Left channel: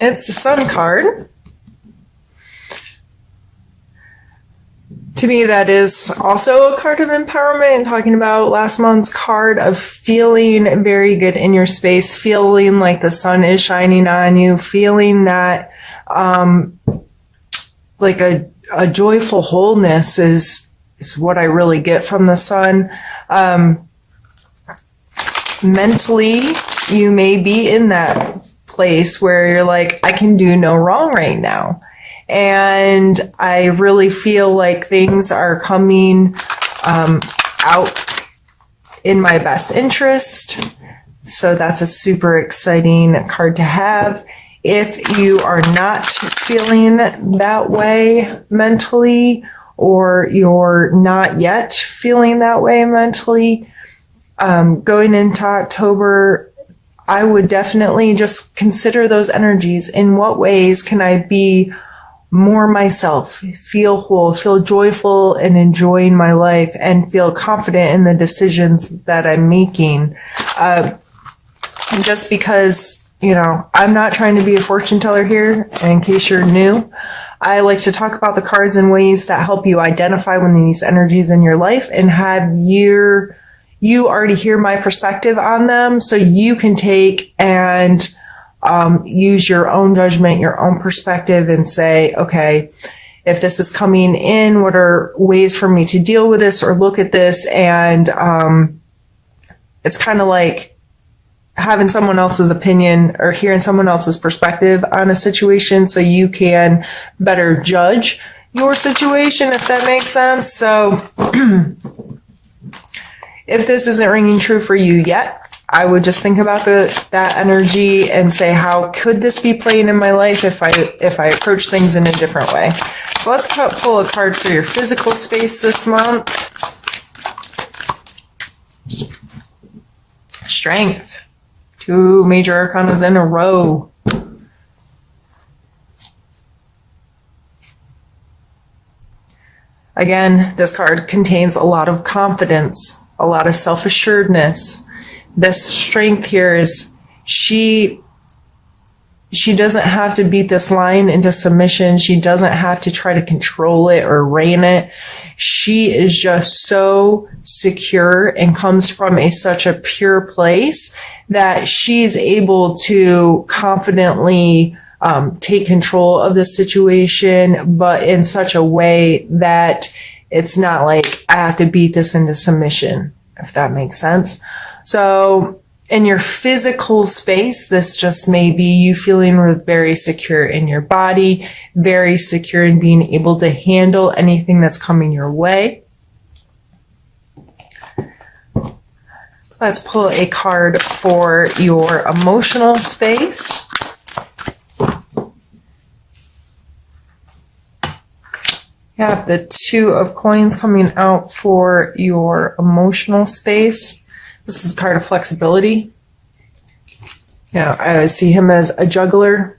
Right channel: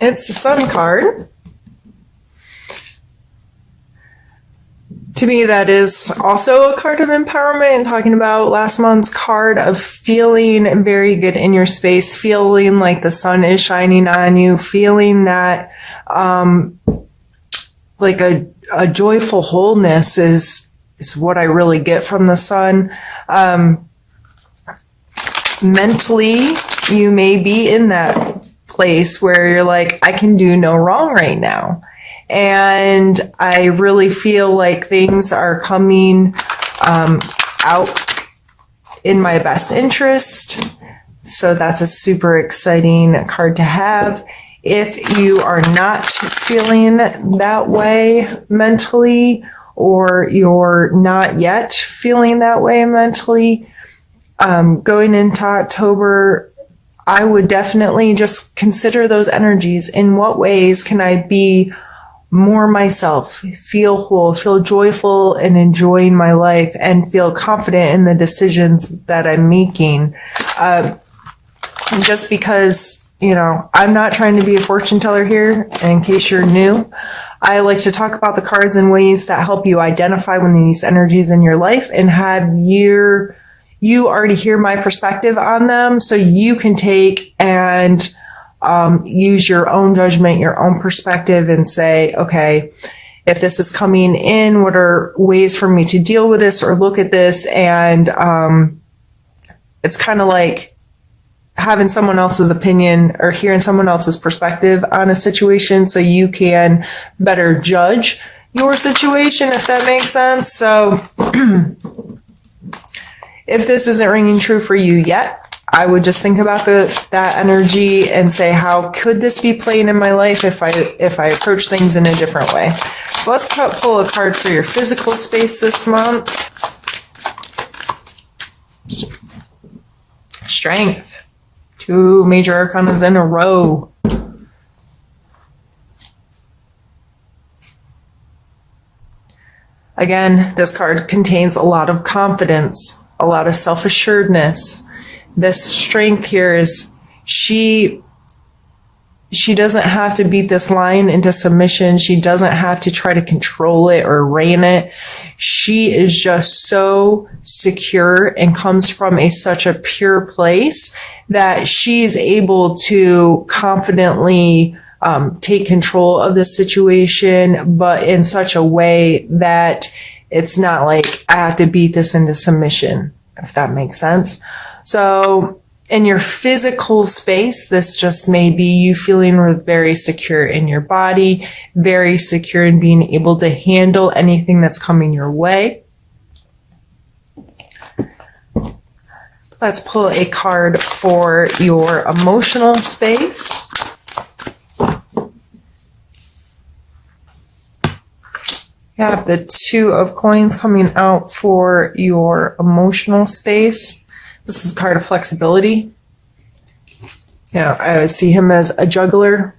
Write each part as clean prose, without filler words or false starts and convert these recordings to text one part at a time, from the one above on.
It's the Sun card. To me, that is also a card of empowerment, and talking about last month's card of feeling very good in your space, feeling like the sun is shining on you, feeling that like a joyful wholeness is what I really get from the sun. Mentally, you may be in that place where you're like, I can do no wrong right now. And I really feel like things are coming out in my best interest. So that's a super exciting card to have. If you are not feeling that way mentally, or you're not yet feeling that way mentally, going into October, I would definitely just consider those energies. In what ways can I be more myself, feel whole, feel joyful and enjoying my life, and feel confident in the decisions that I'm making? Just because, I'm not trying to be a fortune teller here, in case you're new. I like to talk about the cards in ways that help you identify one of these energies in your life and have you already hear my perspective on them, so you can take and use your own judgment, your own perspective, and say, okay, if this is coming in, what are ways for me to deal with this or look at this? And it's kind of like having someone else's opinion or hearing someone else's perspective on a situation, so you can better judge your situation, if that makes sense. So if this isn't ringing true for you yet, I would just think about that energy and say, how could this be playing in my life if I approach things in a different way? So let's pull a card for your physical space this month. Strength. 2 major arcanas in a row. Again, this card contains a lot of confidence, a lot of self-assuredness. This strength here is she doesn't have to beat this lion into submission. She doesn't have to try to control it or rein it. She is just so secure and comes from such a pure place that she's able to confidently take control of the situation, but in such a way that it's not like I have to beat this into submission, if that makes sense. So in your physical space, this just may be you feeling very secure in your body, very secure in being able to handle anything that's coming your way. Let's pull a card for your emotional space. You have the 2 of coins coming out for your emotional space. This is a card of flexibility. Yeah, I see him as a juggler.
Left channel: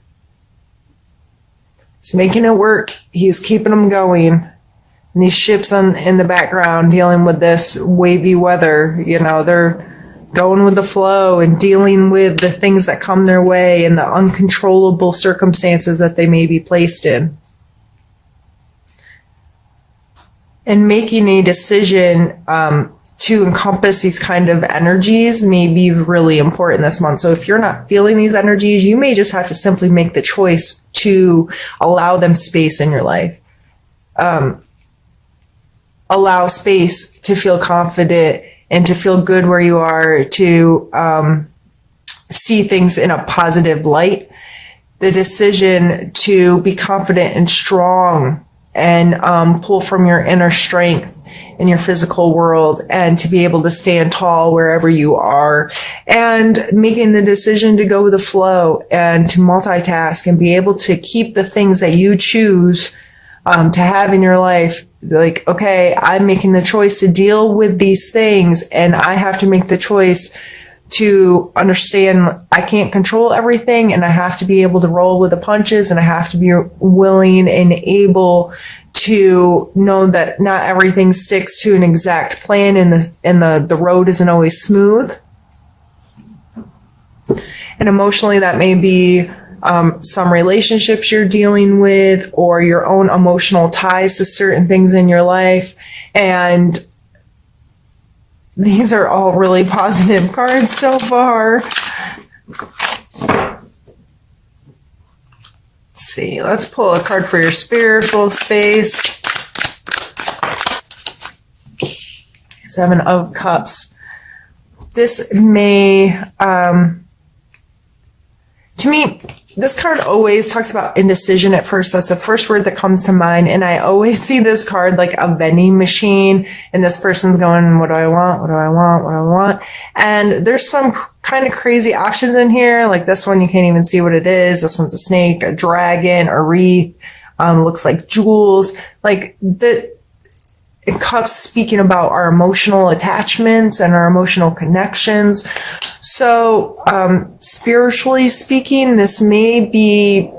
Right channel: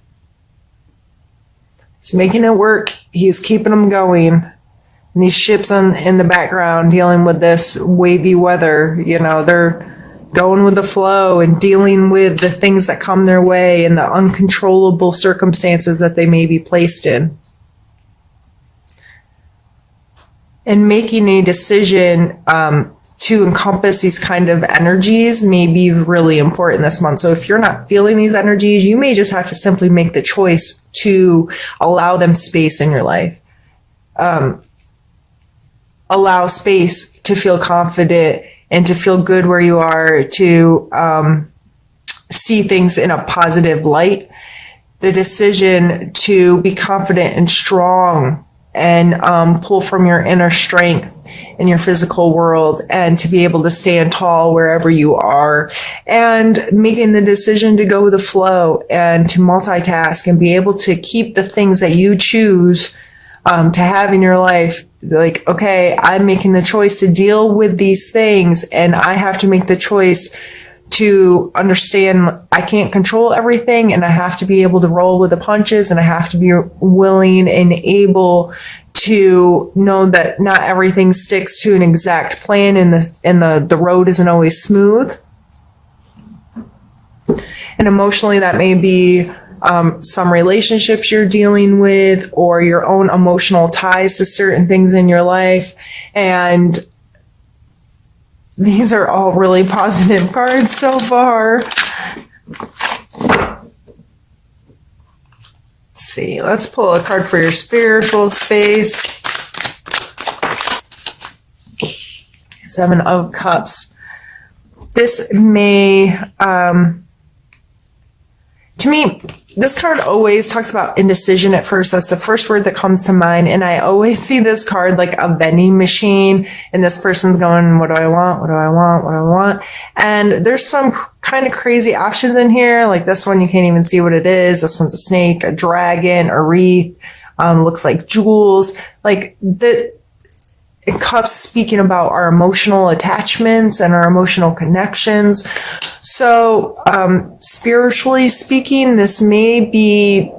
He's making it work. He's keeping them going. And these ships in the background dealing with this wavy weather, they're going with the flow and dealing with the things that come their way and the uncontrollable circumstances that they may be placed in. And making a decision to encompass these kind of energies may be really important this month. So if you're not feeling these energies, you may just have to simply make the choice to allow them space in your life. Allow space to feel confident and to feel good where you are, to see things in a positive light. The decision to be confident and strong and pull from your inner strength in your physical world, and to be able to stand tall wherever you are, and making the decision to go with the flow and to multitask and be able to keep the things that you choose to have in your life. Like, okay, I'm making the choice to deal with these things, and I have to make the choice to understand I can't control everything, and I have to be able to roll with the punches, and I have to be willing and able to know that not everything sticks to an exact plan, and the road isn't always smooth. And emotionally, that may be some relationships you're dealing with, or your own emotional ties to certain things in your life. And these are all really positive cards so far. Let's see. Let's pull a card for your spiritual space. Seven of Cups. This may, to me, this card always talks about indecision at first. That's the first word that comes to mind. And I always see this card like a vending machine. And this person's going, what do I want? What do I want? What do I want? And there's some kind of crazy options in here. Like this one, you can't even see what it is. This one's a snake, a dragon, a wreath. Looks like jewels. Like the Cups speaking about our emotional attachments and our emotional connections. So, spiritually speaking, this may be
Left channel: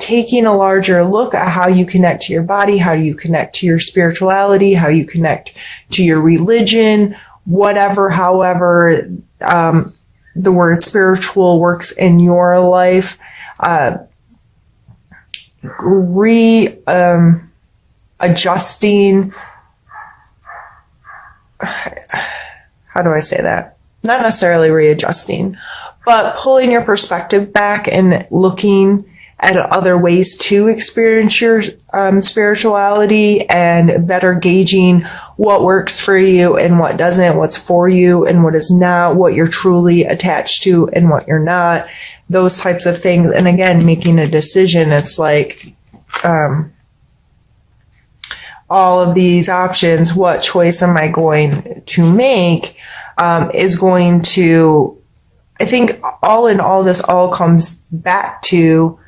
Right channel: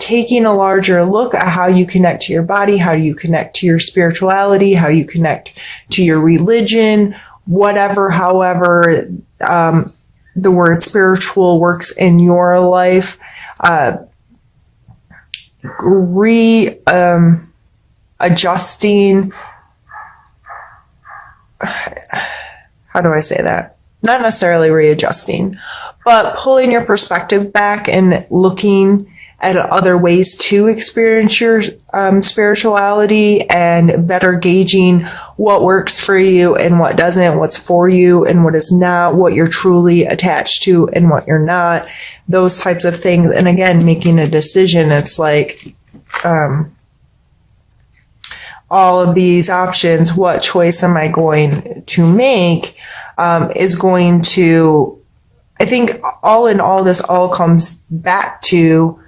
taking a larger look at how you connect to your body, how you connect to your spirituality, how you connect to your religion, whatever, however, the word spiritual works in your life. Adjusting. How do I say that? Not necessarily readjusting, but pulling your perspective back and looking at other ways to experience your spirituality, and better gauging what works for you and what doesn't, what's for you and what is not, what you're truly attached to and what you're not, those types of things. And again, making a decision. It's like, all of these options, what choice am I going to make, is going to, I think all in all, this all comes back to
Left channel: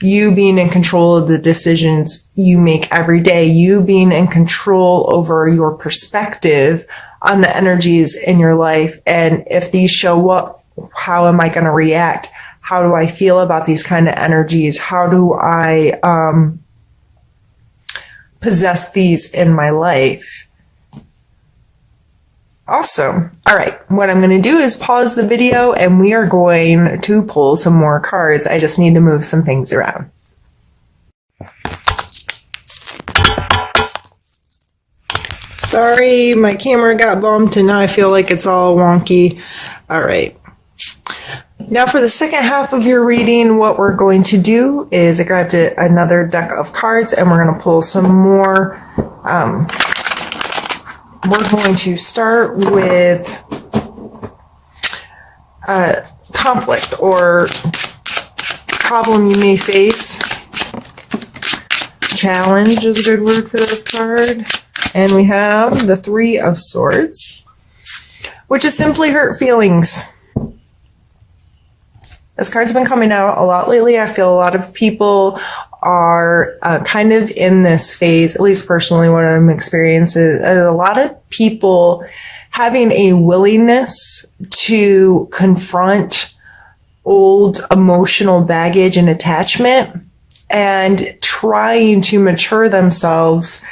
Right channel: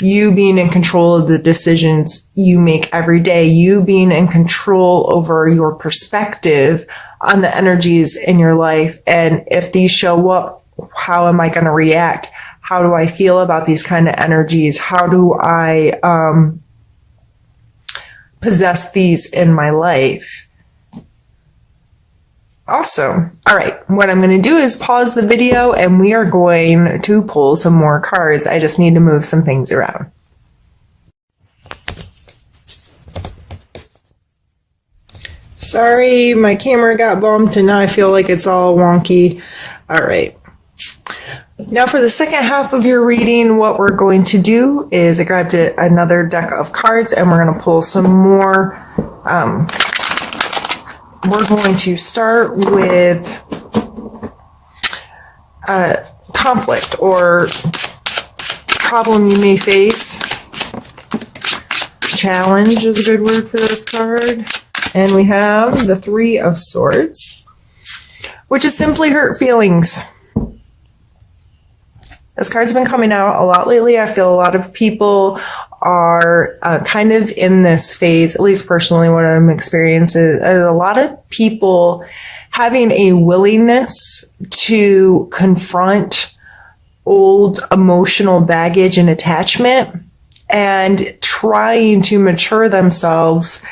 you being in control of the decisions you make every day, you being in control over your perspective on the energies in your life. And if these show up, how am I going to react? How do I feel about these kind of energies? How do I, possess these in my life? Awesome. All right. What I'm going to do is pause the video and we are going to pull some more cards. I just need to move some things around. Sorry, my camera got bumped and now I feel like it's all wonky. All right. Now for the second half of your reading, what we're going to do is I grabbed another deck of cards and we're going to pull some more. We're going to start with conflict or problem you may face. Challenge is a good word for this card. And we have the Three of Swords, which is simply hurt feelings. This card's been coming out a lot lately. I feel a lot of people are kind of in this phase, at least personally what I'm experiencing, a lot of people having a willingness to confront old emotional baggage and attachment and trying to mature themselves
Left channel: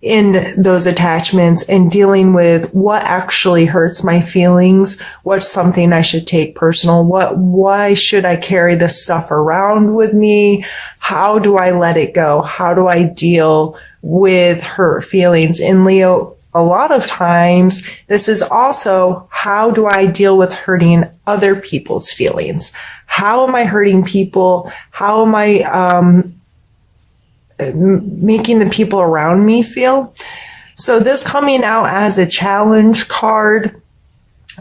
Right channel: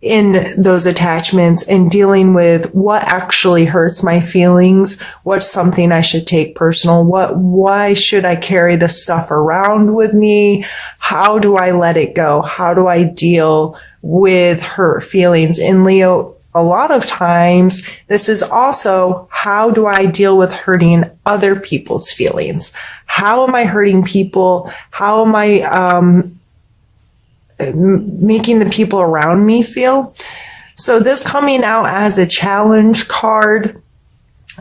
in those attachments and dealing with what actually hurts my feelings, what's something I should take personal, why should I carry this stuff around with me, how do I let it go, how do I deal with hurt feelings. In Leo, a lot of times this is also, how do I deal with hurting other people's feelings? How am I hurting people? How am I making the people around me feel? So this coming out as a challenge card,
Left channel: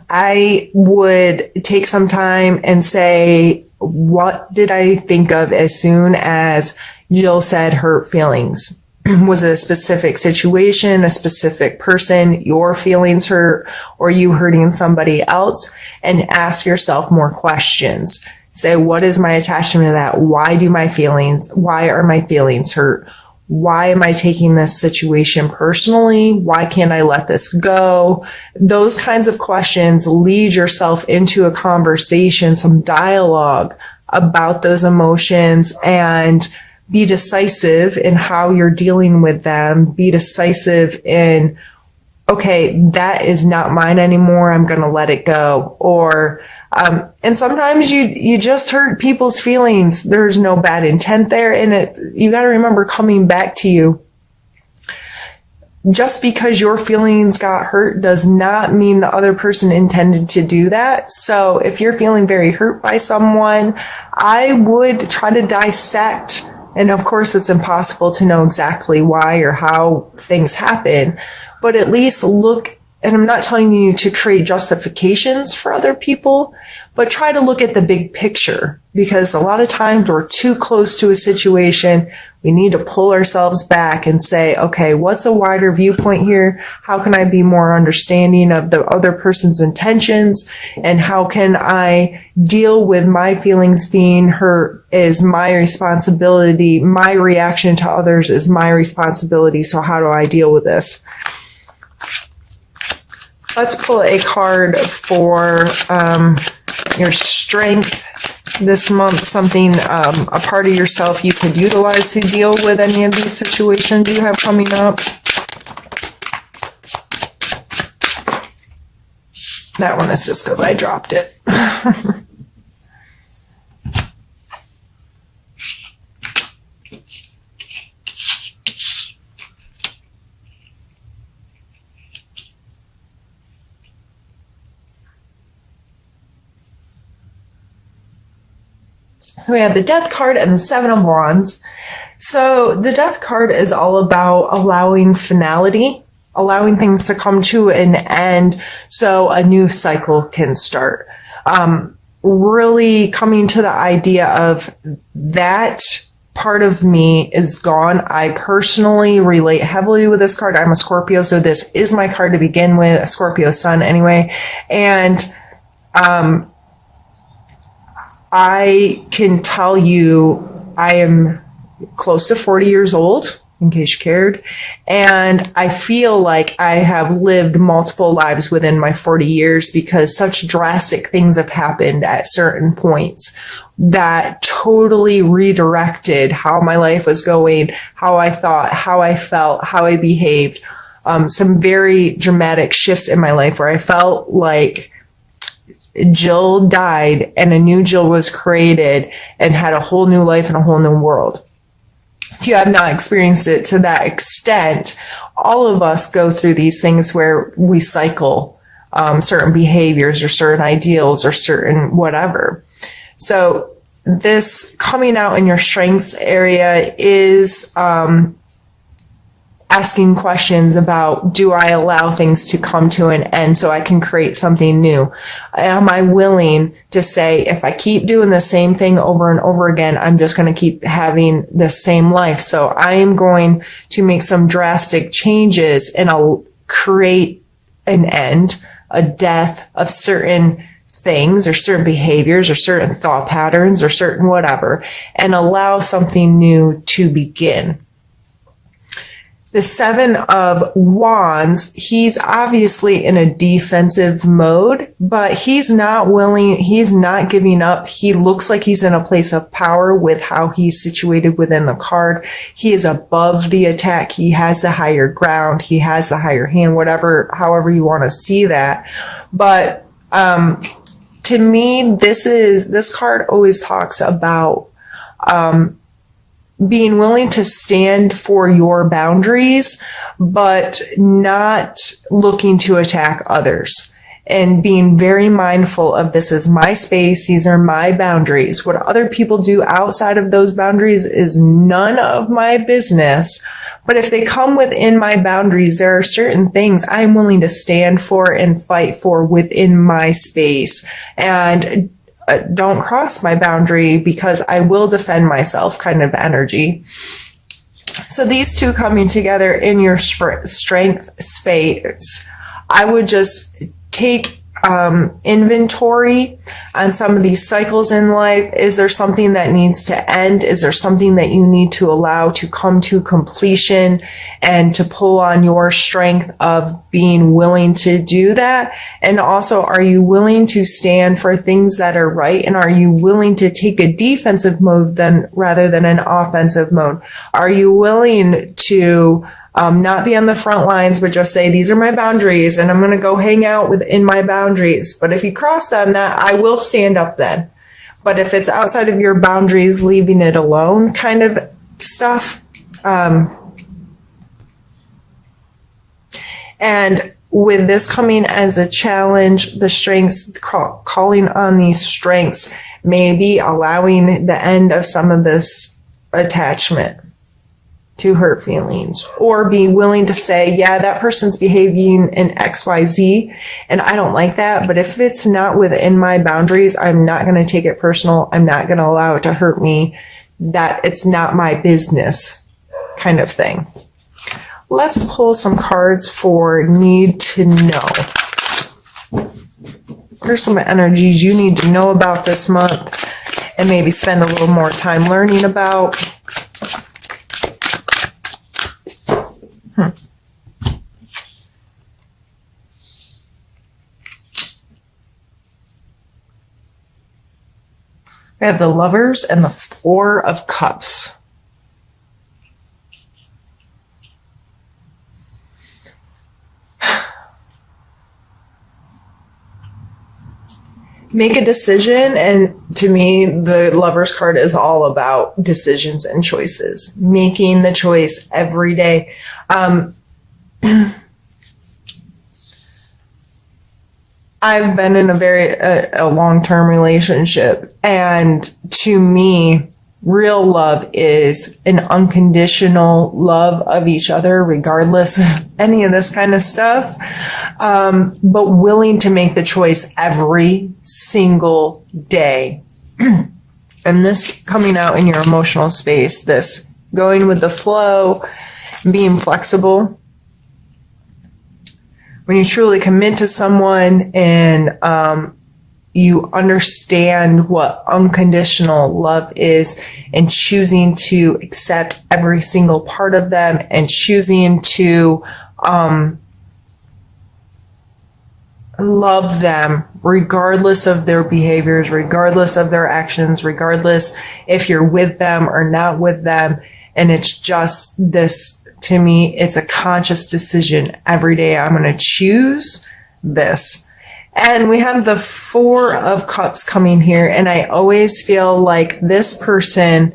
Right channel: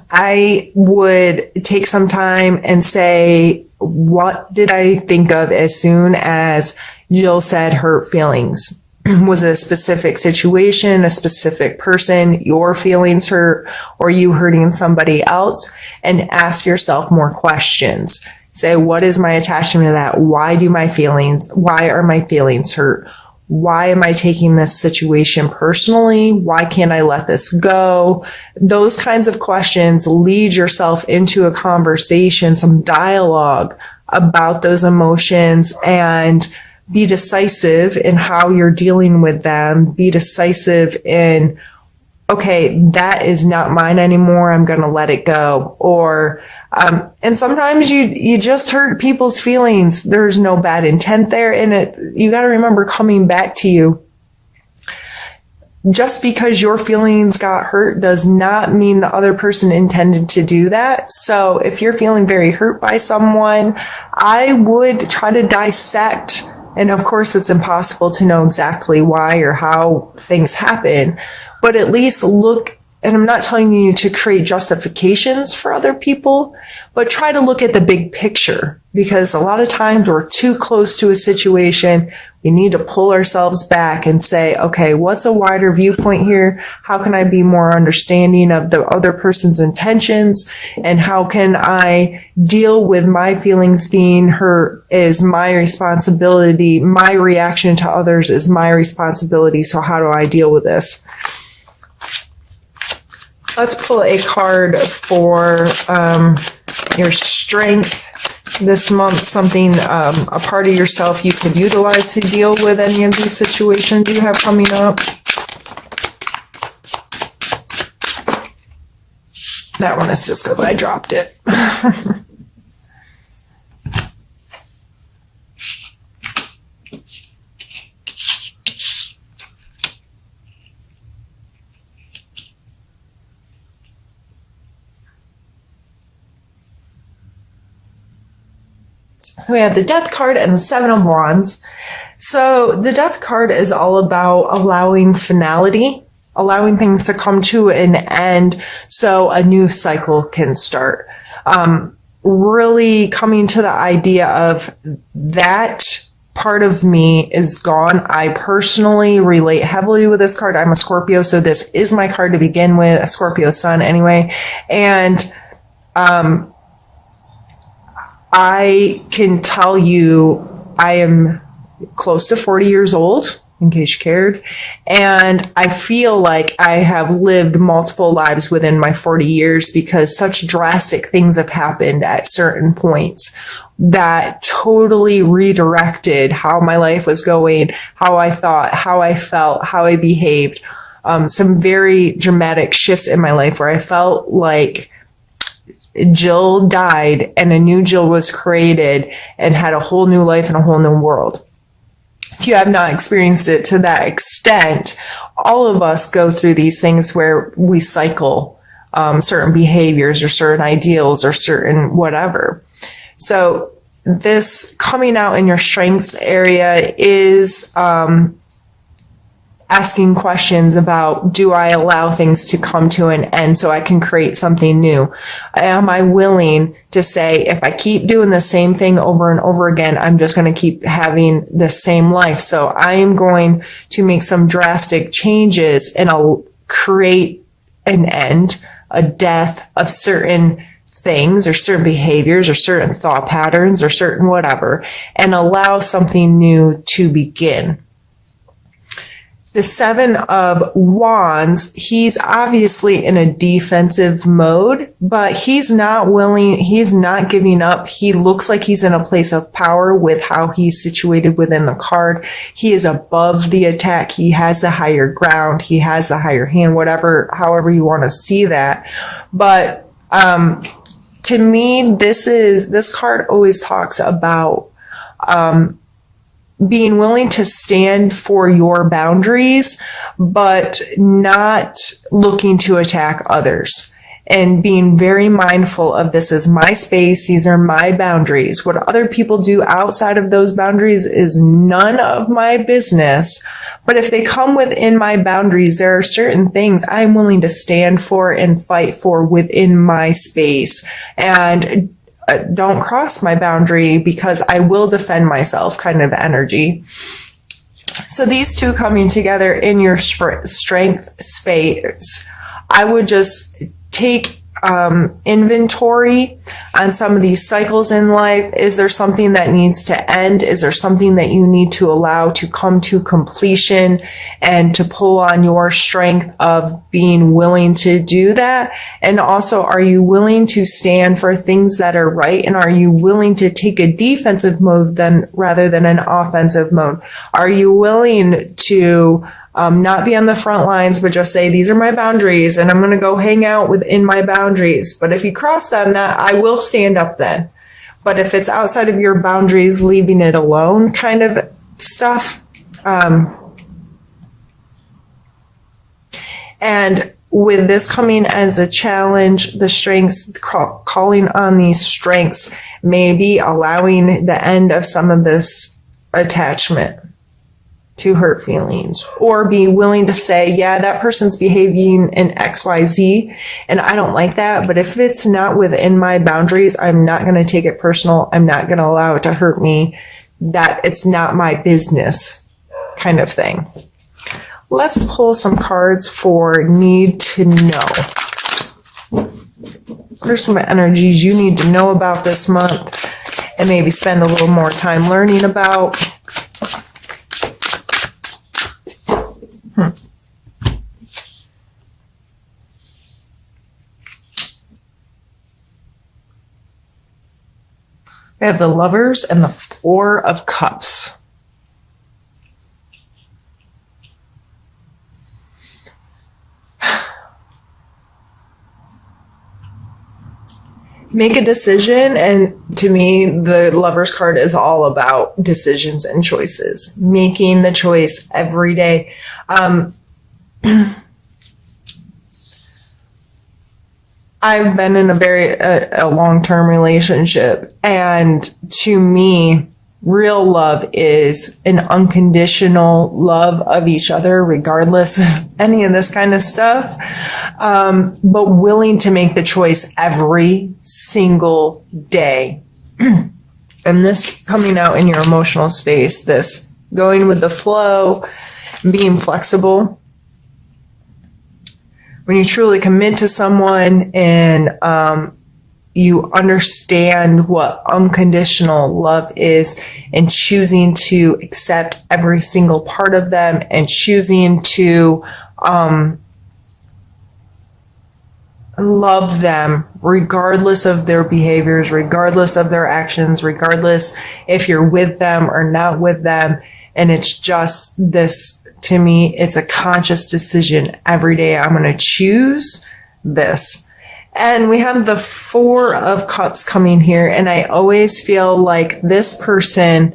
I would take some time and say, what did I think of as soon as Jill said hurt feelings? Was it a specific situation, a specific person, your feelings hurt, or you hurting somebody else? And ask yourself more questions. Say, what is my attachment to that? Why are my feelings hurt? Why am I taking this situation personally? Why can't I let this go? Those kinds of questions lead yourself into a conversation, some dialogue about those emotions, and be decisive in how you're dealing with them. Be decisive in okay, that is not mine anymore. I'm going to let it go. Or, and sometimes you just hurt people's feelings. There's no bad intent there. And you got to remember, coming back to you, just because your feelings got hurt does not mean the other person intended to do that. So if you're feeling very hurt by someone, I would try to dissect. And of course, it's impossible to know exactly why or how things happen, but at least look. And I'm not telling you to create justifications for other people, but try to look at the big picture, because a lot of times we're too close to a situation. We need to pull ourselves back and say, okay, what's a wider viewpoint here? How can I be more understanding of the other person's intentions? And how can I deal with my feelings being hurt is my responsibility. My reaction to others is my responsibility. So how do I deal with this? Let's pull a card for your strength this month, something, a part of yourself you can utilize to deal with any of these situations you have coming up. That one is just because I dropped it. We have the Death card and the Seven of Wands. So the Death card is all about allowing finality, allowing things to come to an end so a new cycle can start. Really coming to the idea of that part of me is gone. I personally relate heavily with this card. I'm a Scorpio, so this is my card to begin with, a Scorpio sun anyway. And I can tell you I am close to 40 years old, in case you cared, and I feel like I have lived multiple lives within my 40 years because such drastic things have happened at certain points that totally redirected how my life was going, how I thought, how I felt, how I behaved. Some very dramatic shifts in my life where I felt like Jill died and a new Jill was created and had a whole new life and a whole new world. If you have not experienced it to that extent, all of us go through these things where we cycle certain behaviors or certain ideals or certain whatever. So this coming out in your strengths area is asking questions about, do I allow things to come to an end so I can create something new? Am I willing to say, if I keep doing the same thing over and over again, I'm just going to keep having the same life. So I am going to make some drastic changes and I'll create an end, a death of certain things or certain behaviors or certain thought patterns or certain whatever, and allow something new to begin. The Seven of Wands, he's obviously in a defensive mode, but he's not willing, he's not giving up. He looks like he's in a place of power with how he's situated within the card. He is above the attack. He has the higher ground. He has the higher hand, whatever, however you want to see that. But to me, this card always talks about being willing to stand for your boundaries, but not looking to attack others, and being very mindful of, this is my space. These are my boundaries. What other people do outside of those boundaries is none of my business. But if they come within my boundaries, there are certain things I'm willing to stand for and fight for within my space. And don't cross my boundary because I will defend myself kind of energy. So these two coming together in your strength space, I would just take inventory on some of these cycles in life. Is there something that needs to end? Is there something that you need to allow to come to completion, and to pull on your strength of being willing to do that? And also, are you willing to stand for things that are right? And are you willing to take a defensive mode rather than an offensive mode? Are you willing to Not be on the front lines, but just say, these are my boundaries and I'm going to go hang out within my boundaries. But if you cross them, that I will stand up then. But if it's outside of your boundaries, leaving it alone kind of stuff. And with this coming as a challenge, the strengths, calling on these strengths, maybe allowing the end of some of this attachment to hurt feelings, or be willing to say, yeah, that person's behaving in XYZ and I don't like that, but if it's not within my boundaries, I'm not going to take it personal. I'm not going to allow it to hurt me. That it's not my business kind of thing. Let's pull some cards for need to know. Here's some energies you need to know about this month and maybe spend a little more time learning about. We have the Lovers and the Four of Cups. Make a decision, and to me, the Lovers card is all about decisions and choices. Making the choice every day. I've been in a long-term relationship, and to me, real love is an unconditional love of each other, regardless of any of this kind of stuff, but willing to make the choice every single day. And this coming out in your emotional space, this going with the flow, being flexible. When you truly commit to someone and you understand what unconditional love is, and choosing to accept every single part of them, and choosing to love them regardless of their behaviors, regardless of their actions, regardless if you're with them or not with them. And it's just this. To me, it's a conscious decision every day. I'm going to choose this. And we have the Four of Cups coming here. And I always feel like this person,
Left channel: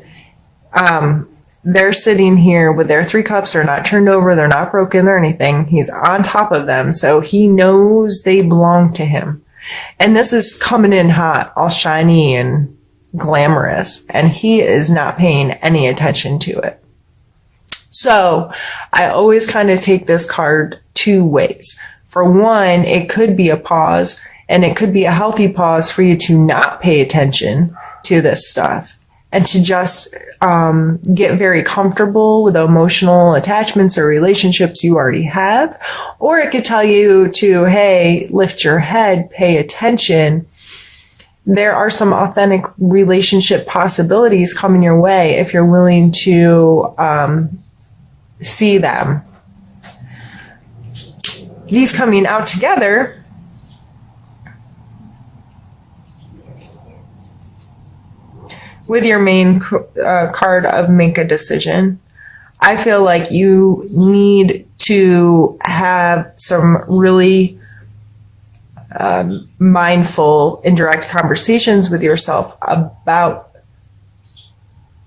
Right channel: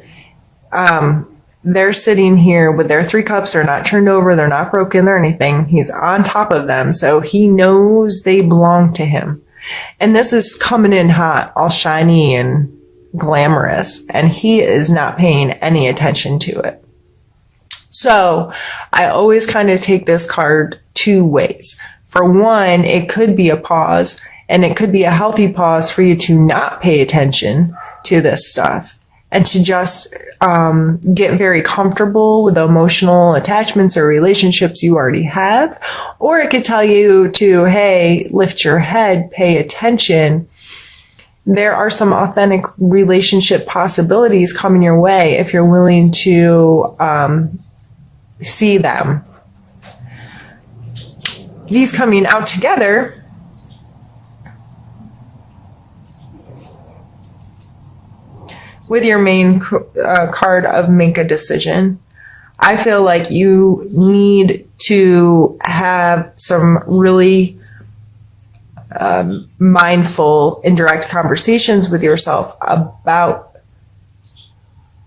they're sitting here with their 3 cups. They're not turned over. They're not broken or anything. He's on top of them. So he knows they belong to him. And this is coming in hot, all shiny and glamorous. And he is not paying any attention to it. So I always kind of take this card 2 ways. For one, it could be a pause, and it could be a healthy pause for you to not pay attention to this stuff and to just get very comfortable with the emotional attachments or relationships you already have. Or it could tell you to, hey, lift your head, pay attention. There are some authentic relationship possibilities coming your way if you're willing to see them. These coming out together with your main card of make a decision. I feel like you need to have some really mindful and direct conversations with yourself about,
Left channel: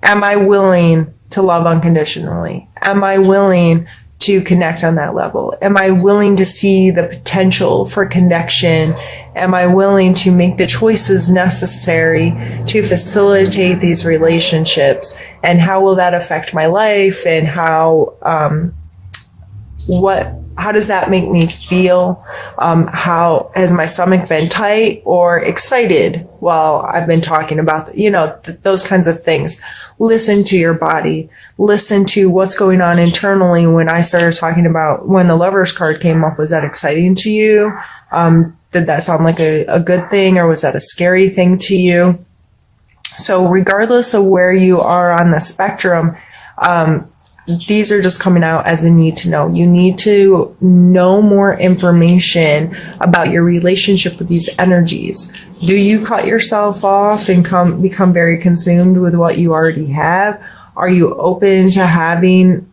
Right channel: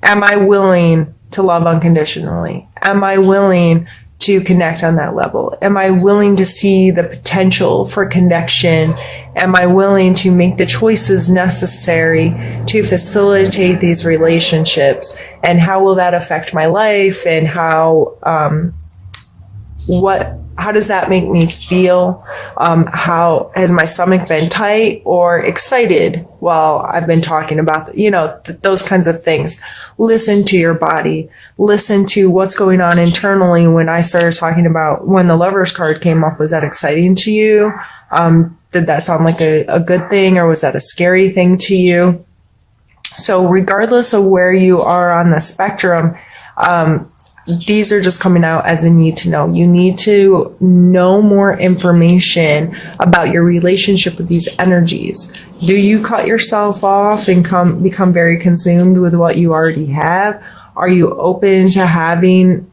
am I willing to love unconditionally? Am I willing to connect on that level? Am I willing to see the potential for connection? Am I willing to make the choices necessary to facilitate these relationships? And how will that affect my life? And how does that make me feel? How has my stomach been tight or excited while I've been talking about, those kinds of things. Listen to your body. Listen to what's going on internally. When I started talking about when the Lovers card came up, was that exciting to you? Did that sound like a good thing, or was that a scary thing to you? So regardless of where you are on the spectrum, these are just coming out as a need to know. You need to know more information about your relationship with these energies. Do you cut yourself off and become very consumed with what you already have? Are you open to having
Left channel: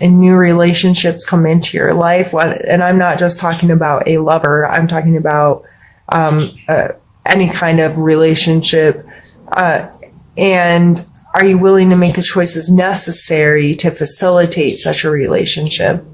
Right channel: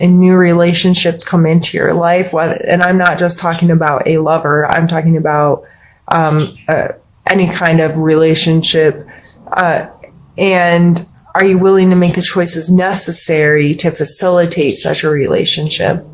and new relationships come into your life, and I'm not just talking about a lover, I'm talking about any kind of relationship, and are you willing to make the choices necessary to facilitate such a relationship?